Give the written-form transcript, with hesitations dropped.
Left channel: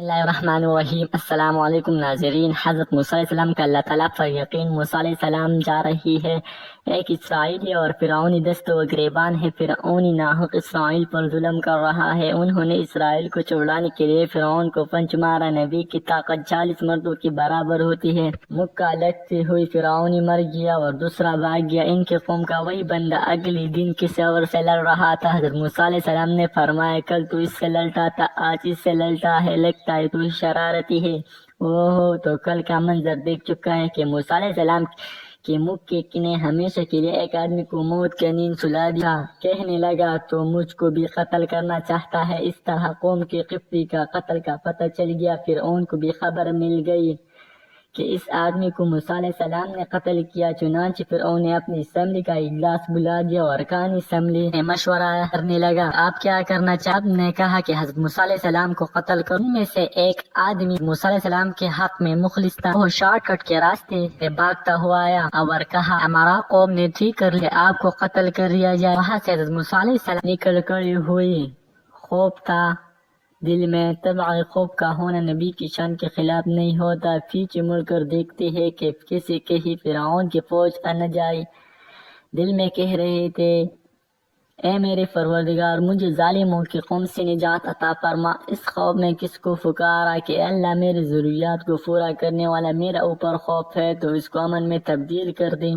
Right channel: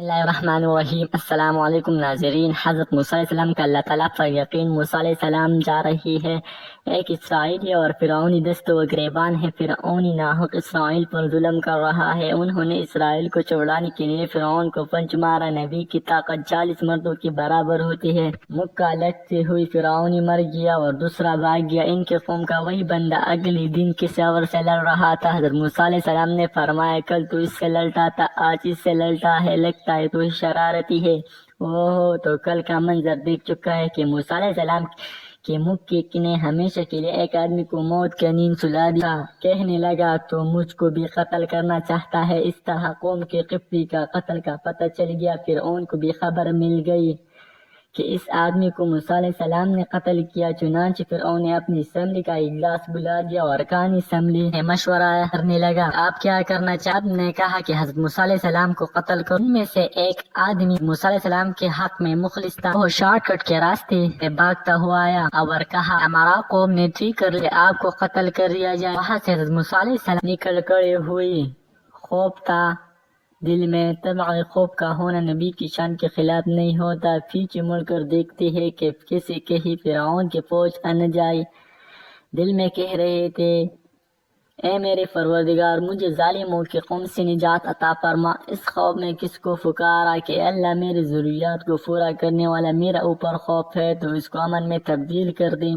बिस्मिल्लाहिर्रहमानिर्रहीम। अस्सलाम वालेकुम नाज़रीन। हज़रत मूसा अलैहिस्सलाम का अल्लाह ताला पर यकीन। मूसा अलैहिस्सलाम जा रही है। एक इसराइली और फिरौनी दस्त व गिरेबान है। फिरौनी नाहक इसराइल पर जुल्म कर रहा है। उन्होंने इसराइल को छुड़ाने के लिए फिरौन को पंच मारा। नबी की ताकत 40 मर्दों के बराबर होती है। मुक्का लगते हुए फिरौनी मर गया और दूसरा भाग गया। इनके कौम का वही बंदा अगले दिन किसी और से लड़ रहा था। हज़रत मूसा अलैहिस्सलाम ने फरमाया, कल तो इससे लड़ता था, आज इससे लड़ता है, लगता है तो शरारती है। ओहो, तो कल का मंजर देख चुका है कि मूसा अलैहिस्सलाम के मुक्के ने हमेशा के लिए एक आदमी को मौत की नींद सुला दिया। कहने लगा, तो मुझको भी कत्ल करना चाहता है। इस तरह कौम के किफ्ती का कत्ल का पता चल गया। फिर उनको भी खबर मिल गई कि इस आदमी को मूसा अलैहिस्सलाम ने कत्ल किया। चुनांचे फिर उन्हें अपनी असम्बली का इजलास बुला दिया और अरकान असम्बली में मशवरा करने लगा, आप क्या करना चाहते? ने कहा कि हज़रत मूसा अलैहिस्सलाम को कत्ल करो। उनमें से एक आदमी मूसा अलैहिस्सलाम के हक में मुखलिस था। वो शॉर्टकट के रास्ते से भागता हुआ आया और कहा, हमारा कौम ने ठीक कर लिया, आपको कत्ल कर दिया जाए। वहाँ से हज़रत मूसा अलैहिस्सलाम निकल खड़े हुए। खौफ था दिल में। तबअ खौफ का होना नबी की शान के खिलाफ नहीं होता। पीछे मुड़कर देखते हैं कि कैसे कहीं फिरौन की फौज आ न जाए। दिल में कह रहे थे, ए मेरे परवरदिगार, मुझे जालिमों की कौम से निजात अता फरमा। इस खौफ में किसको पुकारा कि अल्लाह मेरी जरूरियात को पूरा करने वाला मेरा ऊपर खौफ है, तो इसको अमन में तब्दील कर दे।